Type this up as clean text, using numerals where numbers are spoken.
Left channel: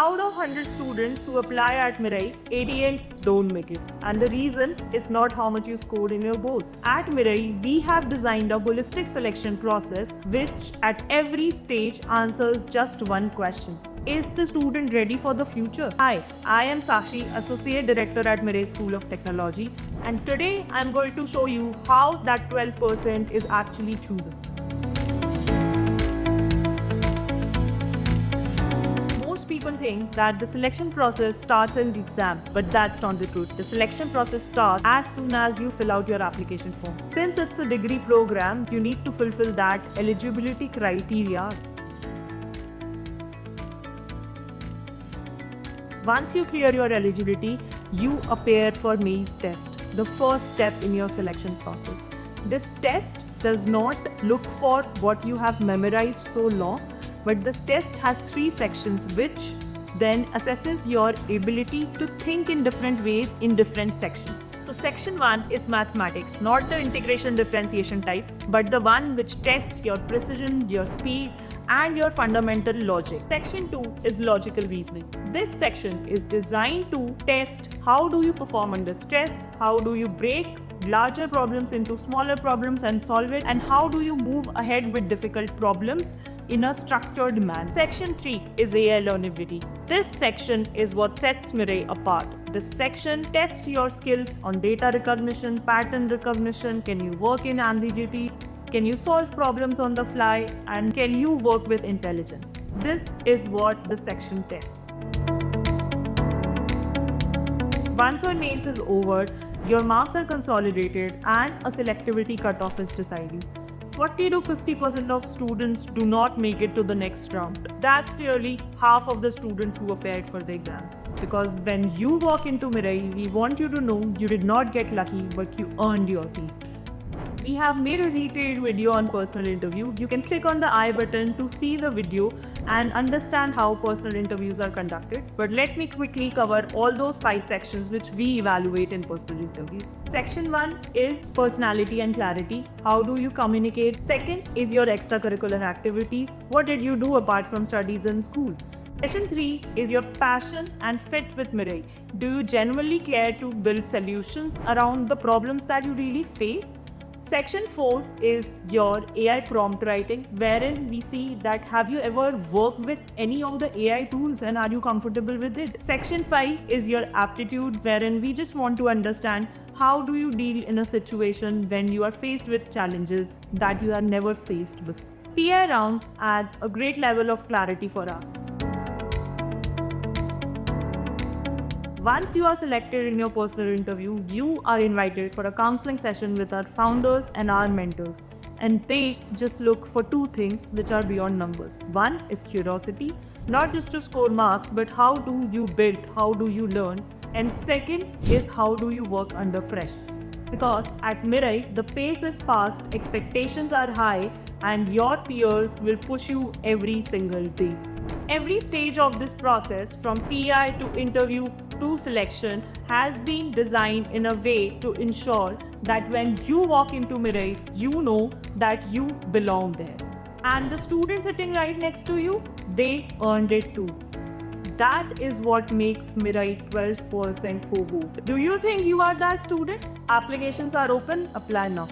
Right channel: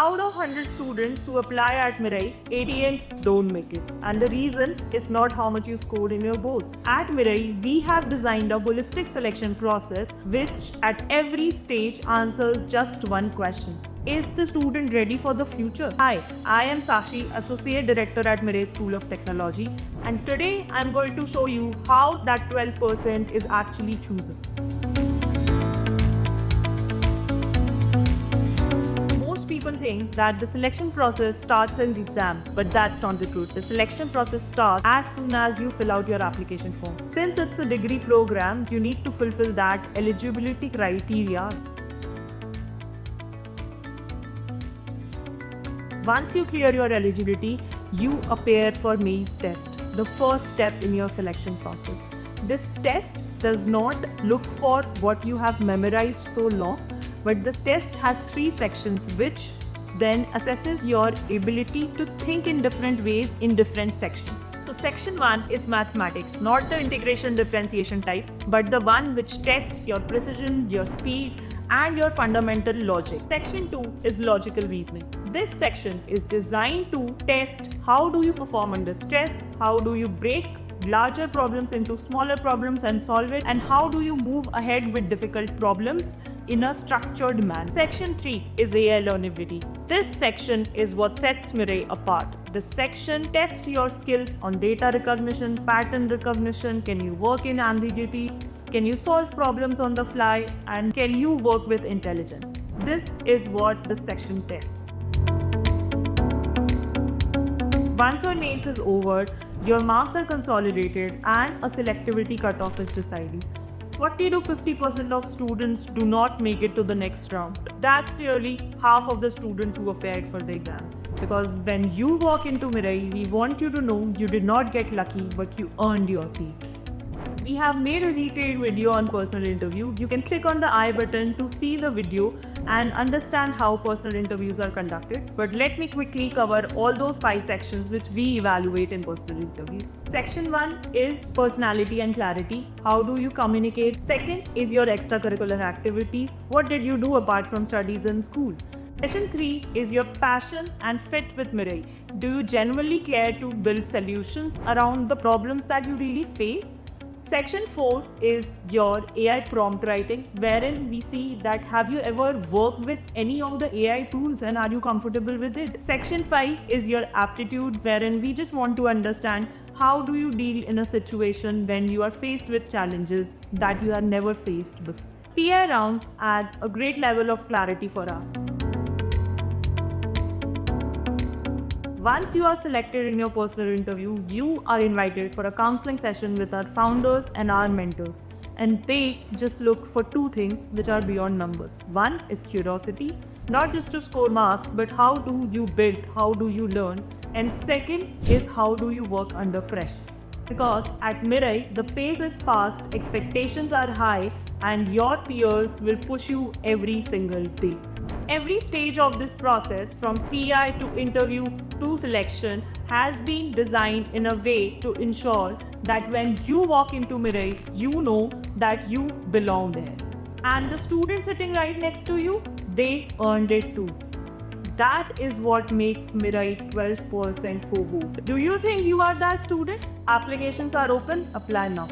out of 100 students who apply at Mirai, 88 don't make it. And the reason is not how much you scored in your boards. At Mirai, we have designed a holistic selection process which at every stage answers just one question. Is the student ready for the future? Hi, I am Sakshi, Associate Director at Mirai School of Technology, and today I'm going to show you how that 12% is actually chosen. Most people think that the selection process starts in the exam, but that's not the truth. The selection process starts as soon as you fill out your application form. Since it's a degree program, you need to fulfill that eligibility criteria. Once you clear your eligibility, you appear for Maze test, the first step in your selection process. This test does not look for what you have memorized so long, but this test has 3 sections which then assesses your ability to think in different ways in different sections. So section 1 is mathematics, not the integration differentiation type, but the one which tests your precision, your speed, and your fundamental logic. Section 2 is logical reasoning. This section is designed to test how do you perform under stress, how do you break larger problems into smaller problems and solve it, and how do you move ahead with difficult problems in a structured manner. Section 3 is AI learnability. This section is what sets Mirai apart. This section tests your skills on data recognition, pattern recognition, can you work in ambiguity, can you solve problems on the fly, and can you work with intelligence? This is what the section tests. Once your mains is over, your marks are consolidated and a selectivity cutoff is decided. 40 to 50% of students do not make it to the next round. That's nearly half of the students who appeared for the exam. Because when you walk into Mirai, we want you to know you did not get lucky, but you earned your seat. We have made a detailed video on personal interview. You can click on the I button to see the video and understand how personal interviews are conducted. But let me quickly cover all those 5 sections which we evaluate in personal interview. Section 1 is personality and clarity. How do you communicate? Second is your extracurricular activities. What did you do apart from studies in school? Section 3 is your passion and fit with Mirai. Do you genuinely care to build solutions around the problems that you really face? Section 4 is your AI prompt writing, wherein we see that have you ever worked with any of the AI tools and are you comfortable with it? Section 5 is your aptitude, wherein we just want to understand how do you deal in a situation when you are faced with challenges that you have never faced before. PI rounds adds a great level of clarity for us. Once you are selected in your personal interview, you are invited for a counseling session with our founders and our mentors. And they just look for 2 things which are beyond numbers. One is curiosity, not just to score marks, but how do you build, how do you learn? And second is how do you work under pressure? Because at Mirai, the pace is fast, expectations are high, and your peers will push you every single day. Every stage of this process, from PI to interview to selection, has been designed in a way to ensure that when you walk into Mirai, you know that you belong there. And the student sitting right next to you, they earned it too. That is what makes Mirai 12% cohort. Do you think you are that student? Applications are open. Apply now.